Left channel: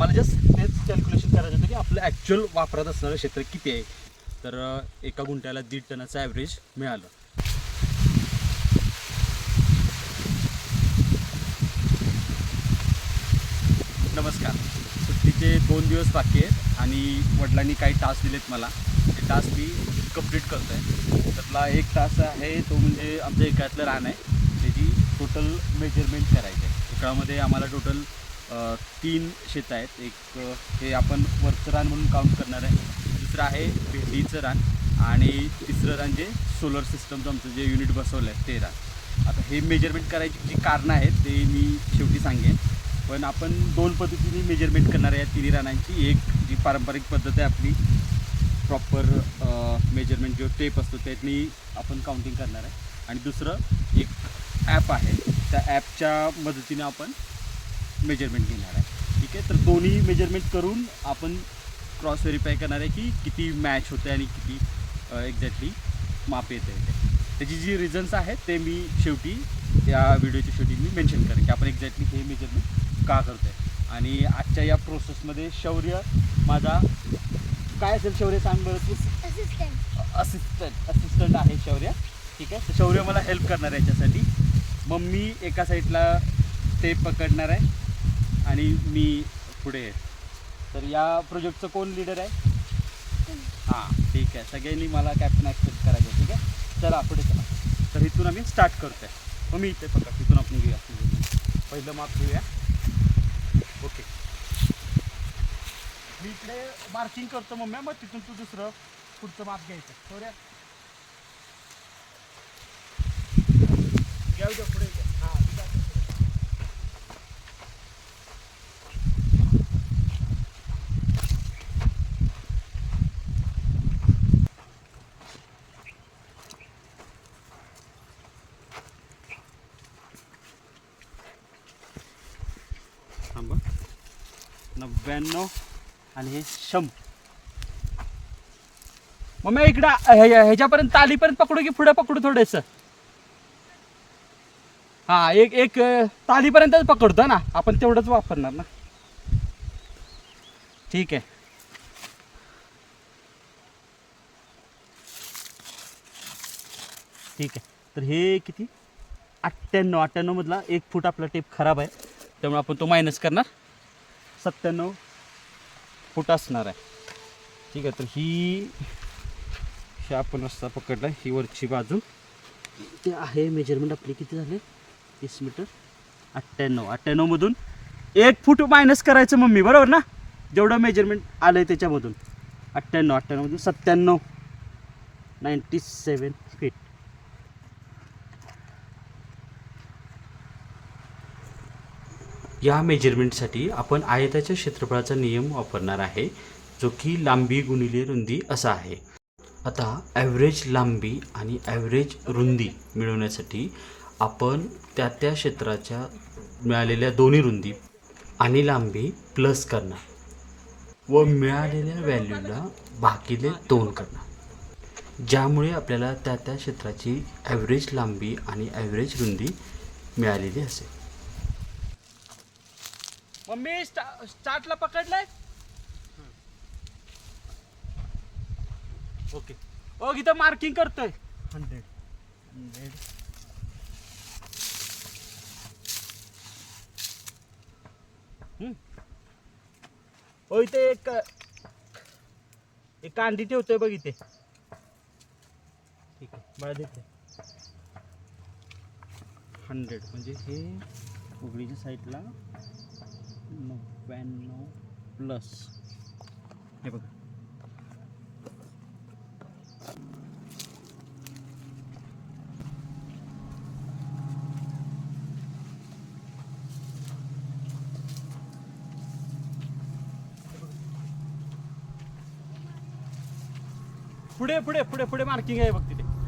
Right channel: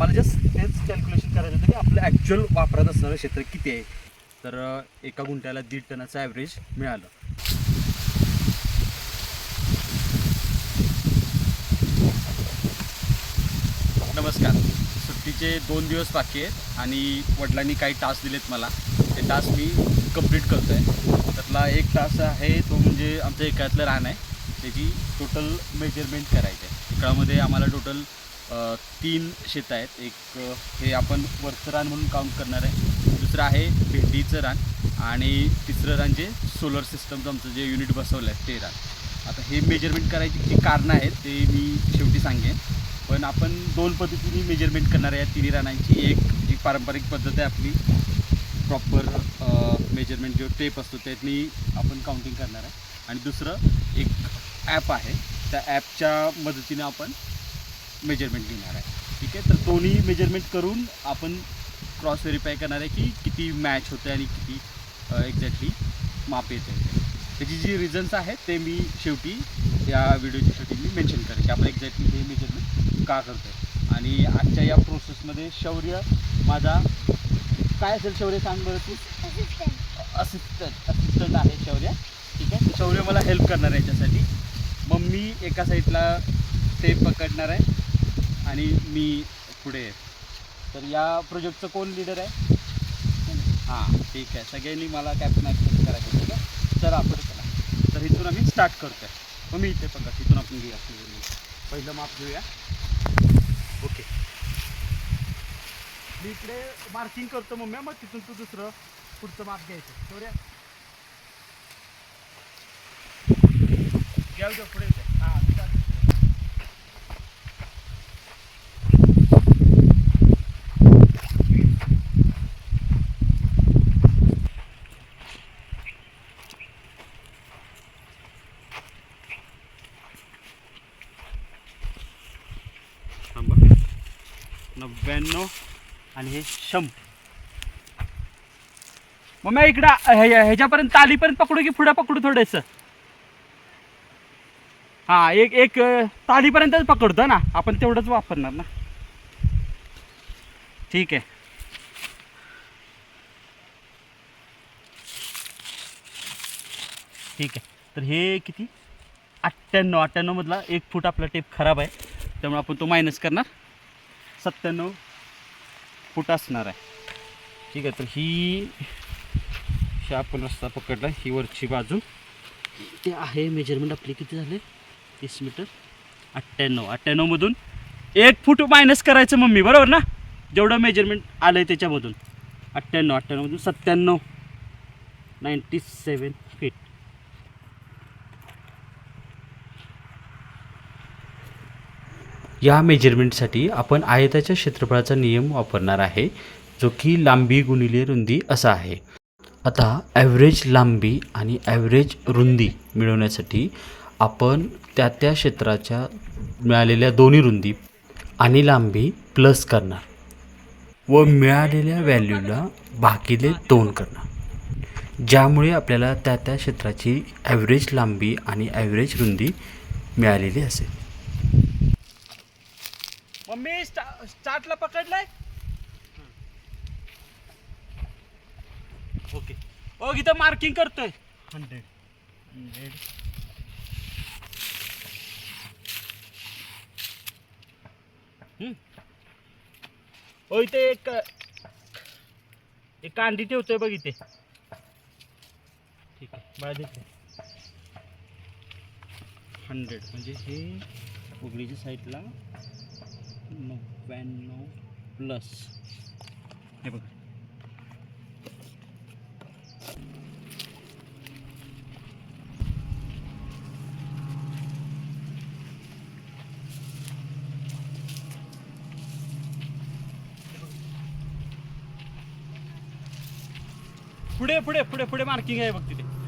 आम्हाला जस्ट तेच कॅल्क्युलेशन करायचं होतं की आपलं ॲक्च्युअल वापरात असणारं क्षेत्र किती आहे. तर एका गुंठ्याला दीड टनाचं ॲव्हरेज मिळालं. नमस्कार. सुट्टीचे दोन दिवस बाकी आहेत आणि वडिलांनी काही टास्क दिलेत मला. ते टास्क मी कंप्लीट करतो आहे त्यातला एक टास्क आहे तो म्हणजे आमच्या एकातलं रान आहे. त्याची टोटल मेजरमेंट करायची आहे. एकामध्ये आम्हाला टोटल तीन शेतं आहेत. एक हे आपण वरचं रान म्हणून काउंट करणार आहे. दुसरं आहे भेंडीचं रान आणि तिसरं रान जे सोलर सिस्टमचं आमचं जे युनिट बसवलं आहे ते रान. आता हे मेजरमेंट करायची जी कारणं आहेत ते मी शेवटी सांगेन. पण आपण दोन पद्धतीने मेजरमेंट करणार आहे या तिन्ही रानांची. एक जी पारंपरिक पद्धत आहे आपली प्रॉपर मेजरमेंट जो टेप असतो त्यातनी आपण काउंटिंग करणार आहे. आणि दुसरं एक ॲप आहे. त्या ॲपच्या मदतीनं आपण मेजरमेंट घेणार आहे. ठीक आहे? तर दोन्ही मेजरमेंट करून आपण क्रॉस व्हेरीफाय करणार आहे की किती मॅच होते आणि किती एक्झॅक्टली माप येते ते त्याची जी रिझन्स आहेत ते मी शेवटी या व्हिडिओच्या शेवटी मी मेन्शन करेन की आपण एक्झॅक्टली हे मेजरमेंट का करतो आहे आणि आजच्या या प्रोसेसमध्ये शौर्य माझा काय असेल शौर्य सांग बरं तू? असिस्टंट असिस्टंट आहे शौर्य. ठीक आहे? शौर्य मला हेल्प करणार आहे याच्यासाठी. मग मी एका साईडला ते पकडणार आहे. आणि मी पुढे आहे. तर या प्रोजेक्टचं कोण लिडर आहे? हां ठीक आहे. सगळ्यांनी मला कॅप्टन ॲक्सेप्ट करायचं ठीक आहे? चला पुढे चला. तर इथून आम्ही स्टार्ट करतो आहे हो, मग मी इथे पकड. इथून आपण घेऊया. पहिलं माप घेऊया. ओके मी इकडे मार्किंग करतो मम्मी मग तिथून तू दुसरं पुढचं माप घ्यायचं. बरोबर घ्या उद्या पुढे इथे. हां start कर. थांबा ब्याण्णव आणि हे शंभर. मग मी इकडं ह्याच्यापर्यंत तालीपर्यंत पकडू की पुढे पकडू थोडंसं? हा एक एक तालीपर्यंतच पकडतो ना आपण तेवढंच वापरणार ना. ठीक आहे. ठीक आहे. तर हे किती? अठ्ठ्याण्णव अठ्ठ्याण्णवमधला एक फूट आपला टेप खराब आहे त्यामुळे आपण तो मायनस करणार. सत्त्याण्णव फूट असणार आहे. ठीक आहे तर ही आपण रस्ता पकडला ही वरची बाजू. ते आहे मेजरमेंट आपली किती झाले? तीस मीटर. अठ्ठ्याण्णव. अठ्ठ्याण्णवमधून एक फूट मायनस करायचं मम्मी बरोबर ना? जेवढं मेजरमेंट आलं आहे त्याच्यामधून. अठ्ठ्याण्णव. अठ्ठ्याण्णवमधून सत्त्याण्णव. नाईंटी सेवन फीट या मेजरमेंटसाठी आपण आयताच्या क्षेत्रफळाचा नियम वापरणार आहे जो की लांबी गुणिले रुंदी असा आहे. आता ॲव्हरेज लांबी आणि ॲव्हरेज रुंदी मिळवण्यासाठी आपण त्या त्या क्षेत्राच्या मिळालेल्या दोन्ही रुंदी आणि लांबी प्लस करणार व मिळालेल्या व्हॅल्यूला भागिले दोन करणार. ज्यामुळे आपल्याला त्या त्या क्षेत्राची ॲव्हरेज लांबी आणि ॲव्हरेज रुंदी मिळालेली असेल. मम्मी स्टा स्टार्टला पकडलंय. ओके. ओ इथं मार्किंग करतोय. हंड्रेड. हंड्रेड. ओ इथे एक एक कांडी ठेवतोय बघ इथे. ठीक आहे मला देते. हंड्रेड. म्हणजे हे उघडीच्या साईडला नव्याण्णव प्लस. हे बघा. पुढे पुढे पुढे पुढे मार्किंग आहे बघ तिथे.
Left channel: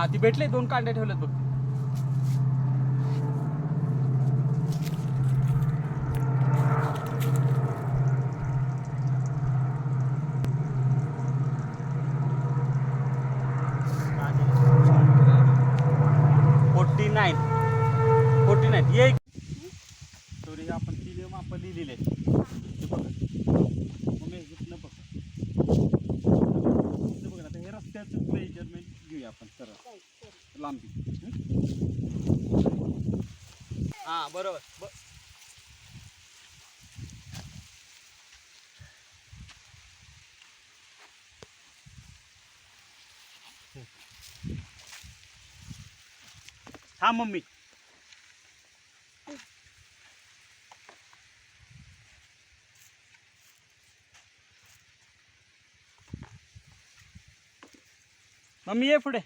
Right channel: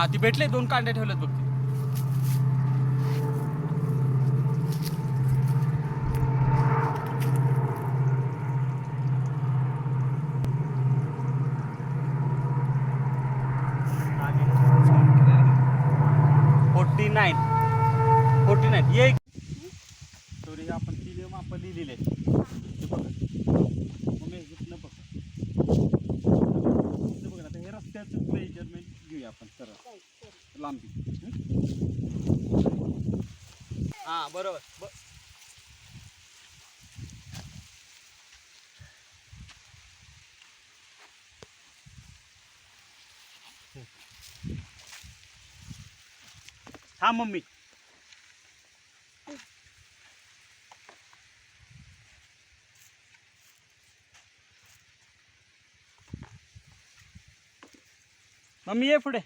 हा ती भेटले दोन कांड्या ठेवलेत बघ ती. Forty nine. Forty nine. ये. आपण तिले माप लिहिलेले हां बरोबर. ब हा मम्मी. मम्मी ये पुढे.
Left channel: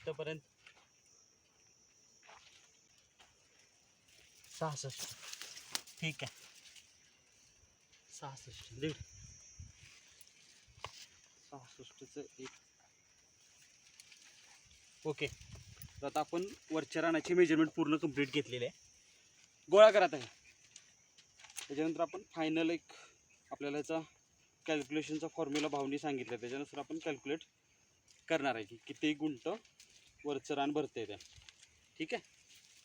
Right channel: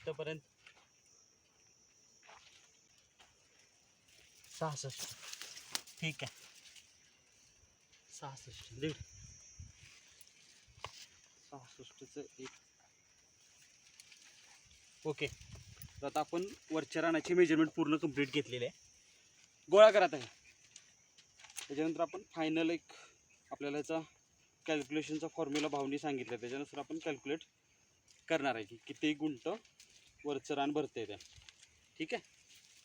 इथपर्यंत. सहासष्ट. ठीक आहे. सहासष्ट. दीड. सहासष्टचं एक. ओके. तर आता आपण वरच्या रानाची मेजरमेंट पूर्ण कंप्लीट घेतलेली आहे. गोळा करा आहे त्याच्यानंतर आपण फायनल एक आपल्याला याचा कॅल्क्युलेशनचा फॉर्म्युला भावनी सांगितलं. त्याच्यानुसार आपण कॅल्क्युलेट करणार आहे की किती गुंट वरचं रान भरते त्या ठीक आहे?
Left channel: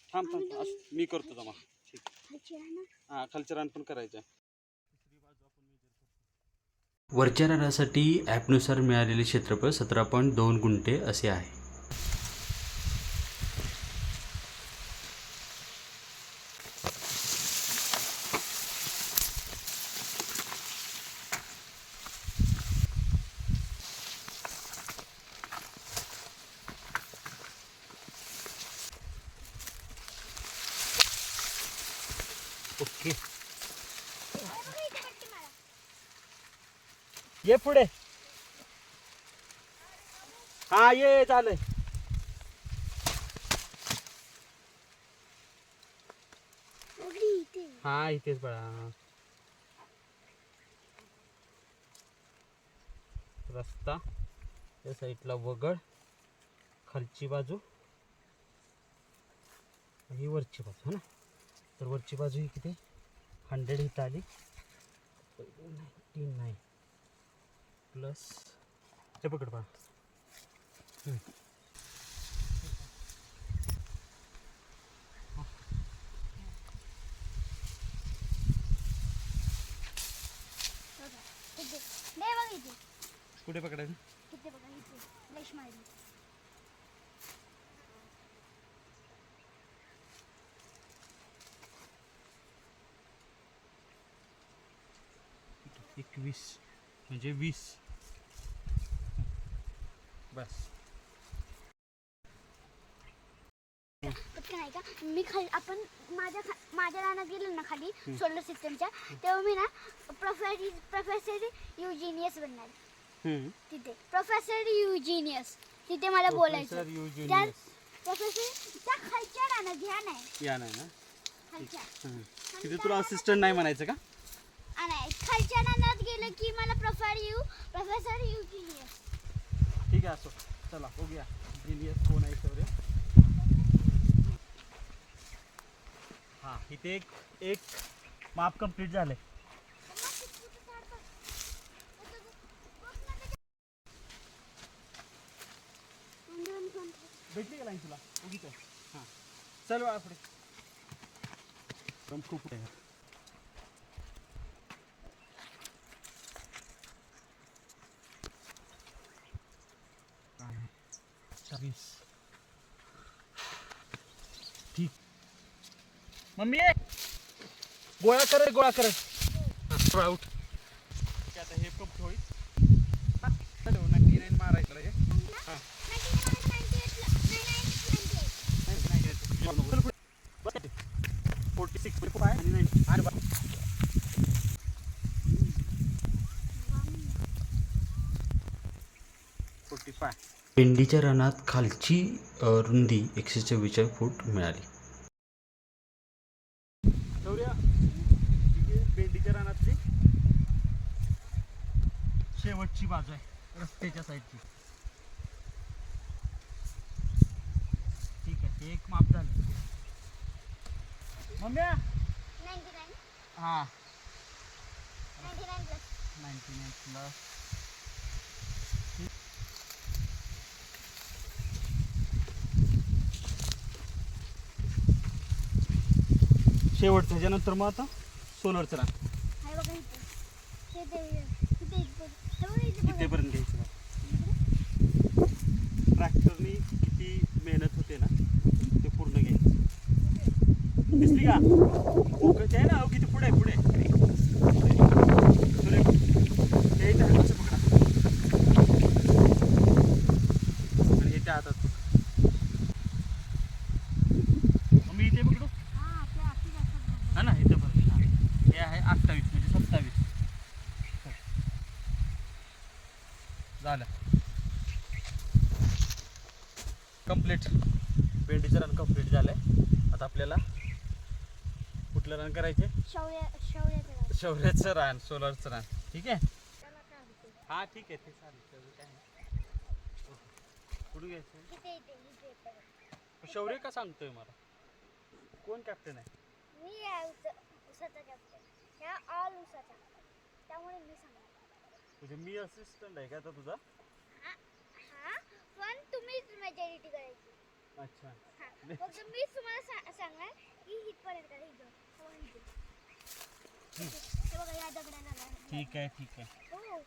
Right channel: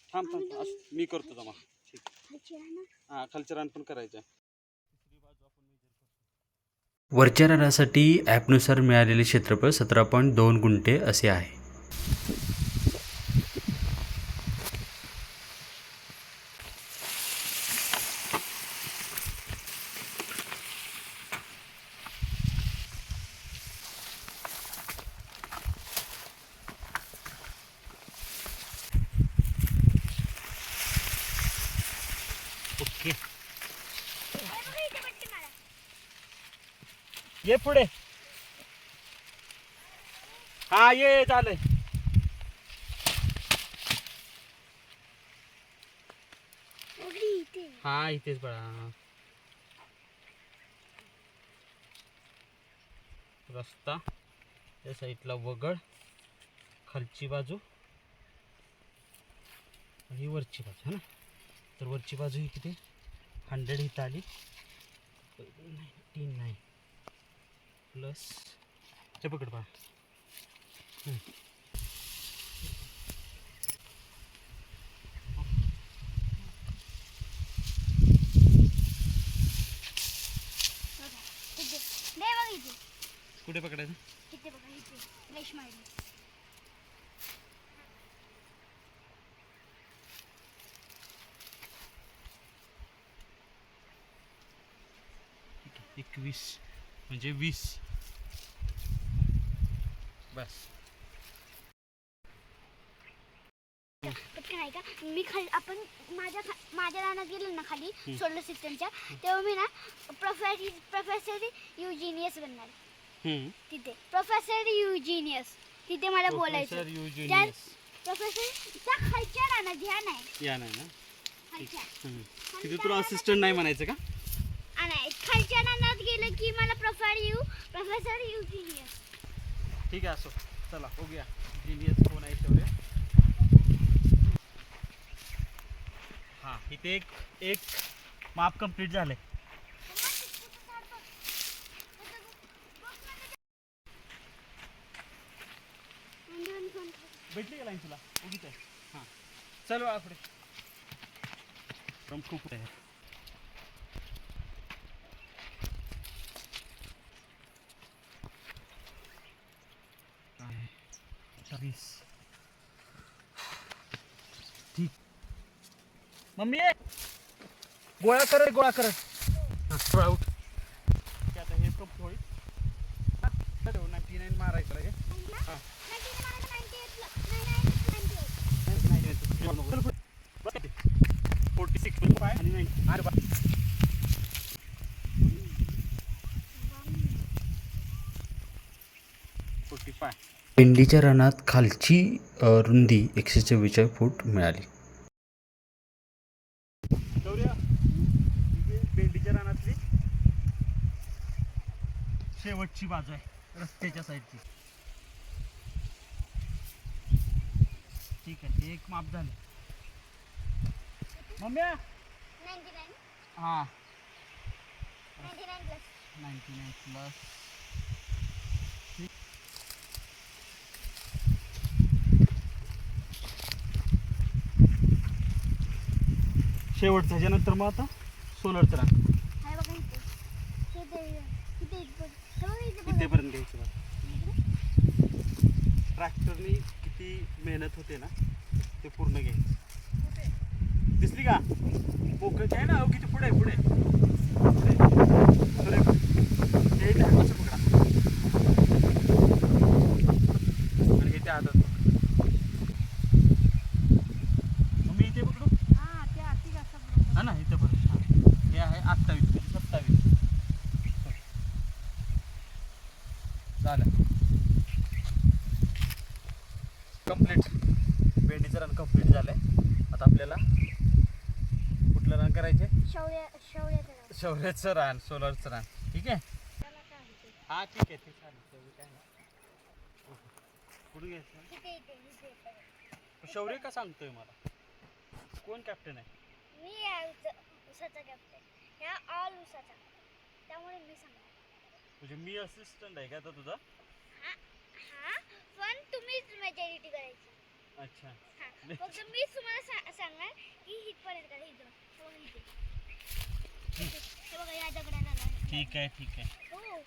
थांब थांब. असं मी करतो जमा. ठीक. हां खालचं रान पण करायचं आहे. वरच्या रानासाठी ॲपनुसार मिळालेले क्षेत्रफळ सतरा पॉईंट दोन गुंठे असे आहे ओके ये पुढे. हा ये झालंय हा इथेच बळा रस्ता त्या साईडला वगळ खालची बाजू. आणि ही वरची बाजू है ना? तर वरची बाजू ही किती? हंड्रेड इथं आली. नाईन्टी नाईन प्लस ते पकड पहा. कुठे पकडायचं? एकवीस. म्हणजे वीस. बस. नाही का? मी खाली आपण माझ्या खा माझ्या रानात गेलो ना खाली सोलर सिस्टमच्या तेव्हा मी ना प्रोफेसर प्रोफेसर युजिनियस बनणार. हम्म. तिथे. प्रोफेसर युजिनियस तिथे मला Professor बोलायचं. Eugenius. त्या प्रोफेसर त्या खालच्या रानात ह्या नाही. या नाही ना? खालच्या. हम्म. तिथे तुला असिस्टंट नाही म्हणायचं का? आ, नाही. खालच्या रानात गेलं की मला प्रोफेसर यू प्रोफेसर युजिनियस ठीक आहे असो. चला बघूया. जिनियस कोण आहे तेवढे हां इथे एक एक माप कंप्लीट झाले भेटली का लाईन तुला? उगीच आहे हां. चल पुढे. खूप आहे काय अठ्ठावीस ठीक मम्मी! ये गोळा करत गोळा हां उठ. ते आता हे कप होईल. नाईन्टी नाईन मारायचं हां फोर्टी सिक्स फाय आणि नाईन्टी अरे बा फोर्टी फाय भेंडीच्या रानात खालची रुंदी एकशे चव्वेचाळीस फूट मिळाली. शेवटची बाजू आहे रस्त्याच्या साईडची. ठीक आहे ते एक माप झालं. मम्मी हा. नाईन्टी नाईन प्लस शेवटचं ह्याच्यानंतर मग आता सोलरचं राख हे घ्यायचं बघा. ट्रॅक्टरनी किती मेहनत होते ना ते पूर्ण घ्यायचं. दिसली का? ओके आहे ना अहो, किती पुढे आहे, पुढे. पुढे. हे हे त्या हातात पकडा मग मी इथे पकडू हा, ते अति जास्त बोलतात. हा ना इथं पर्यंत हा. हे आहे अठ्ठावीस म्हणजे सत्तावीस झालं. कंप्लीट भेंडीचं रन कंप्लीट झालंय. आता आपल्याला कुठलं रन करायचे शौर्य शौर्याचं रान सोलरचं रान ठीक आहे? हा ठीक आहे ते चालेल. काय घ्यायचं? शौर्य का सांगतोय मला? कोण कॅप्टन आहे? मी आहे उस- उसाचा कॅप्टन ह्या ऑल उसाचा. त्यामुळे मी सांगणार. म्हणजे मी असिस्टंट आहे का आता तुझा? हा हा पण तुम्हीच मेजॉरिटी करायची. अच्छा. हा फक्त मीच तुम्हाला सा- सांगणार की हितपर्यंत करा इथं हे बघा इथे हे बघा या दगडाला लागलं. ठीक आहे ठीक आहे. हो.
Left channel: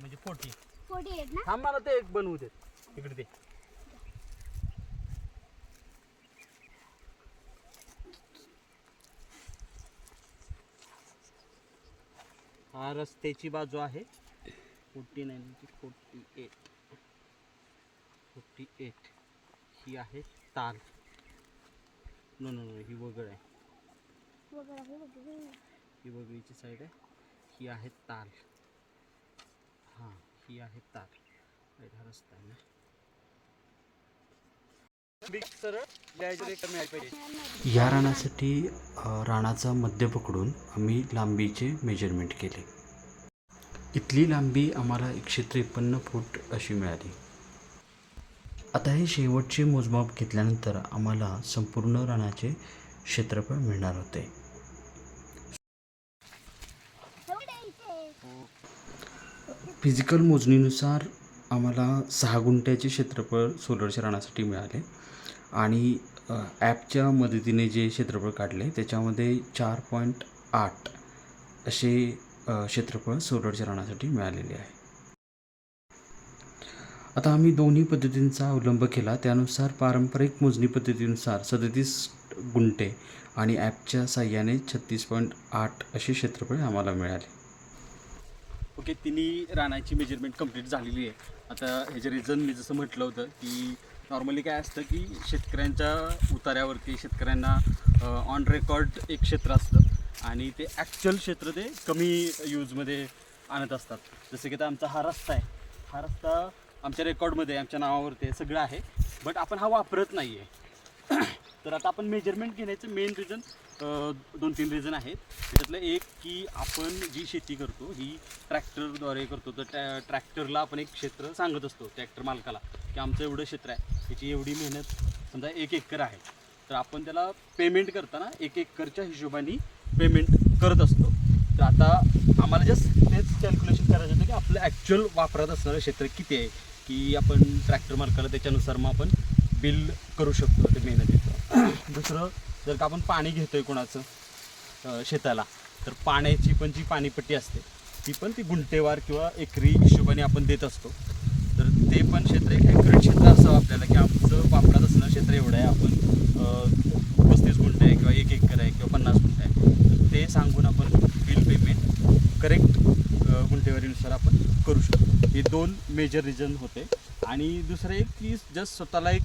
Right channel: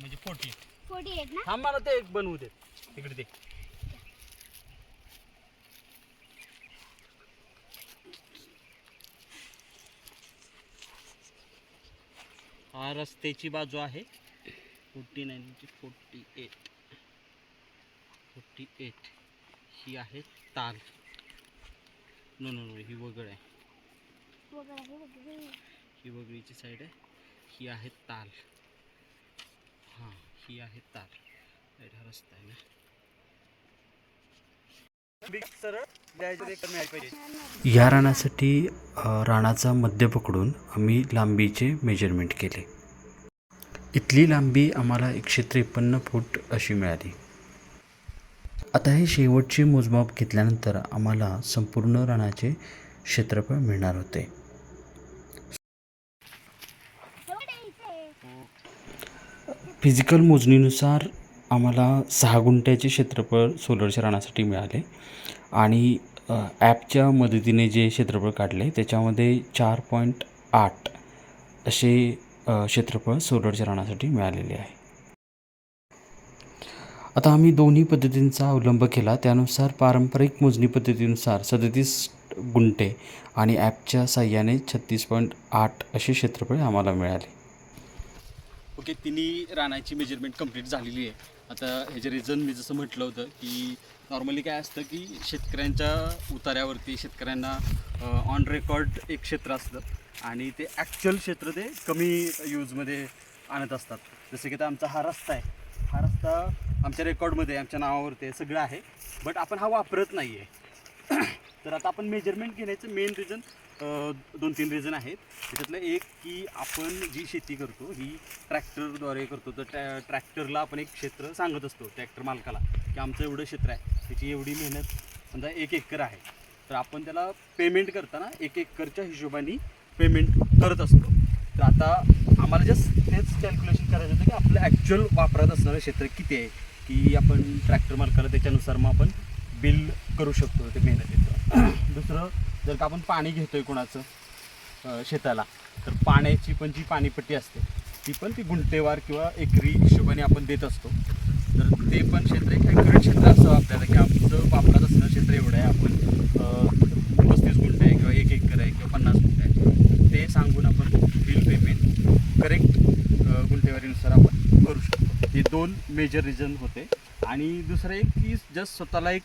म्हणजे फोर्टी फोर्टी एट ना? थांब मला ते एक बनवू देत. तिकडे ते हा रस्त्याची बाजू आहे. Forty nine forty eight forty eight ही आहे ताल. नो नो नो ही वगळ आहे. हे वगळीची साईड आहे. ही आहे ताल. हां ही आहे ताल. राईट हा रस्ता आहे ना. या रानासाठी रानाचा मध्य पकडून आम्ही लांबीचे मेजरमेंट केले. इथली लांबी आम्हाला एकशे त्रेपन्न फूट अशी मिळाली. आता हे शेवटचे मोजमाप घेतल्यानंतर आम्हाला संपूर्ण रानाचे क्षेत्रफळ मिळणार होते. फिजिकल मोजणीनुसार आम्हाला सहा गुंठ्याचे क्षेत्रफळ सोलरच्या रानासाठी मिळाले. आणि ॲपच्या मदतीने जे क्षेत्रफळ काढले त्याच्यामध्ये चार पॉईंट आठ असे क्षेत्रफळ सोलरच्या रानासाठी मिळालेले आहे. आता आम्ही दोन्ही पद्धतींचा अवलंब केला. त्यानुसार पारंपरिक मोजणी पद्धतीनुसार सदतीस गुंठे आणि ॲपच्या साह्याने छत्तीस पॉईंट आठ असे क्षेत्रफळ आम्हाला मिळाले. ओके तिन्ही रानाची मेजरमेंट कंप्लीट झालेली आहे. आता ह्याचे रिझन मी जसं म्हटलं होतं की नॉर्मली काय असतं की शेतकऱ्यांच्या उतार्यावरती शेतकऱ्यांना ऑन रेकॉर्ड एक क्षेत्र असतं आणि ते ॲक्च्युअल क्षेत्र ते कमी यूजमध्ये आणत असतात. जसं की आता आमचा हा रस्ता आहे. हा रस्ता आमच्या रेकॉर्डमध्ये आमच्या नावावरती आहे, सगळं आहे. बट आपण हा वापरत नाही आहे तर आता आपण मेजरमेंट घेण्याचं मेन रिझन दोन तीन रिझन आहेत. त्याच्यातलं एक की आपण जी शेती करतो ही ट्रॅक्टरद्वारे करतो. तर ट्रॅ ट्रॅक्टरला आपण एक क्षेत्र सांगत असतो ट्रॅक्टर मालकाला की आमचं एवढं क्षेत्र आहे त्याची एवढी मेहनत समजा एक एकर आहे. तर आपण त्याला पेमेंट करताना एक एकरच्या हिशोबाने पेमेंट करत असतो. तर आता आम्हाला जस्ट तेच कॅल्क्युलेशन करायचं होतं की आपलं ॲक्च्युअल वापरात असणारं क्षेत्र किती आहे की आपण ट्रॅक्टर मालकाला त्याच्यानुसार मग आपण बिल करू शकतो ते मेहनतीचं. दुसरं जर का आपण पाणी घेतोय कोणाचं शेताला तर पाण्याची पण जी पाणीपट्टी असते ती पण ती गुंटेवार किंवा एकरी हिशोबाने आपण देत असतो. तर ते पण क्षेत्र एक ॲक्युरेट क्षेत्र असावं आपल्याला की आमचं वापरात असणं क्षेत्र एवढं आहे. आपण पस्तीस गुंठे आहे किंवा एक एकर आहे किंवा पन्नास गुंठे आहे. तर ते सांगून आपण बिल पेमेंट करेक्ट गुंठेवारीनुसार आपण करू शकतो. हे दोन मेजर रिझन होते. आणि दुसरं एक की जस्ट स्वतःला एक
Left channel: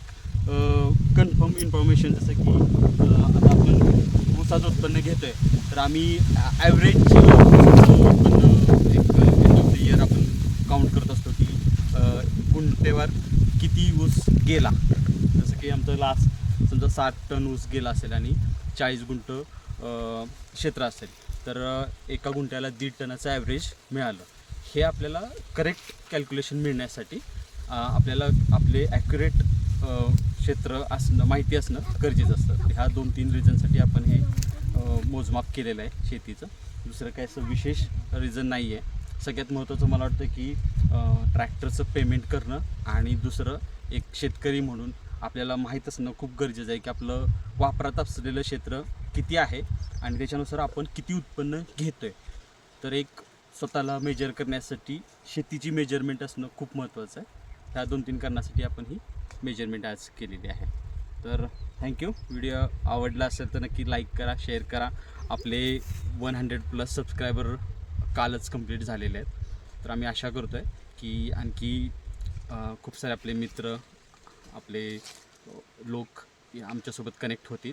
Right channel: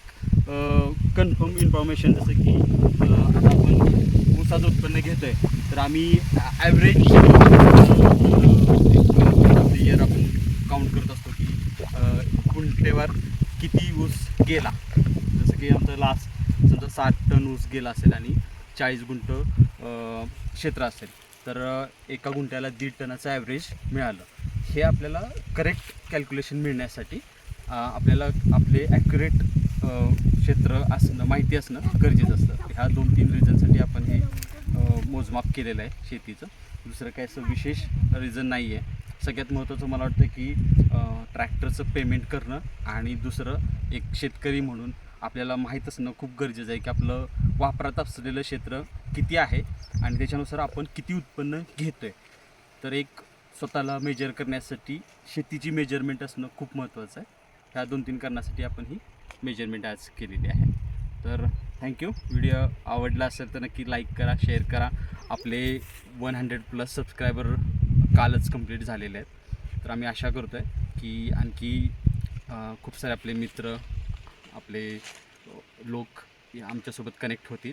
कन्फर्म इन्फॉर्मेशन जसं की आता आपण ऊसाचं उत्पन्न घेतो आहे तर आम्ही ॲव्हरेज ऑफ द इयर आपण काउंट करत असतो की अ, किती ऊस गेला. जसं की आमचं लास्ट समजा साठ टन ऊस गेला असेल आणि चाळीस गुंठ क्षेत्र असेल तर एका गुंठ्याला दीड टनाचं ॲव्हरेज मिळालं. हे आपल्याला करेक्ट कॅल्क्युलेशन मिळण्यासाठी आपल्याला आपले ॲक्युरेट क्षेत्र असणं माहिती असणं गरजेचं असतं. ह्या दोन तीन रिझनसाठी आपण हे मोजमाप केलेलं आहे शेतीचं. दुसरं काय असं विशेष रिझन नाही आहे सगळ्यात महत्त्वाचं मला वाटतं की ट्रॅक्टरचं पेमेंट करणं आणि दुसरं एक शेतकरी म्हणून आपल्याला माहीत असणं खूप गरजेचं आहे की आपलं वापरात असलेलं क्षेत्र किती आहे आणि त्याच्यानुसार आपण किती उत्पन्न घेतो आहे तर एक स्वतःला मेजर करण्यासाठी शेतीची मेजरमेंट असणं खूप महत्त्वाचं आहे. ह्या दोन तीन कारणासाठी आपण ही मेजरमेंट आज केलेली आहे. तर थँक्यू व्हिडिओ आवडला असेल तर नक्की लाईक करा शेअर करा. आपले वन हंड्रेड प्लस सबस्क्रायबर कालच कंप्लीट झालेले आहेत. तर आम्ही आशा करतो आहे की आणखी खूप सारे आपले मित्र आपले लोक या आमच्यासोबत कनेक्ट होतील.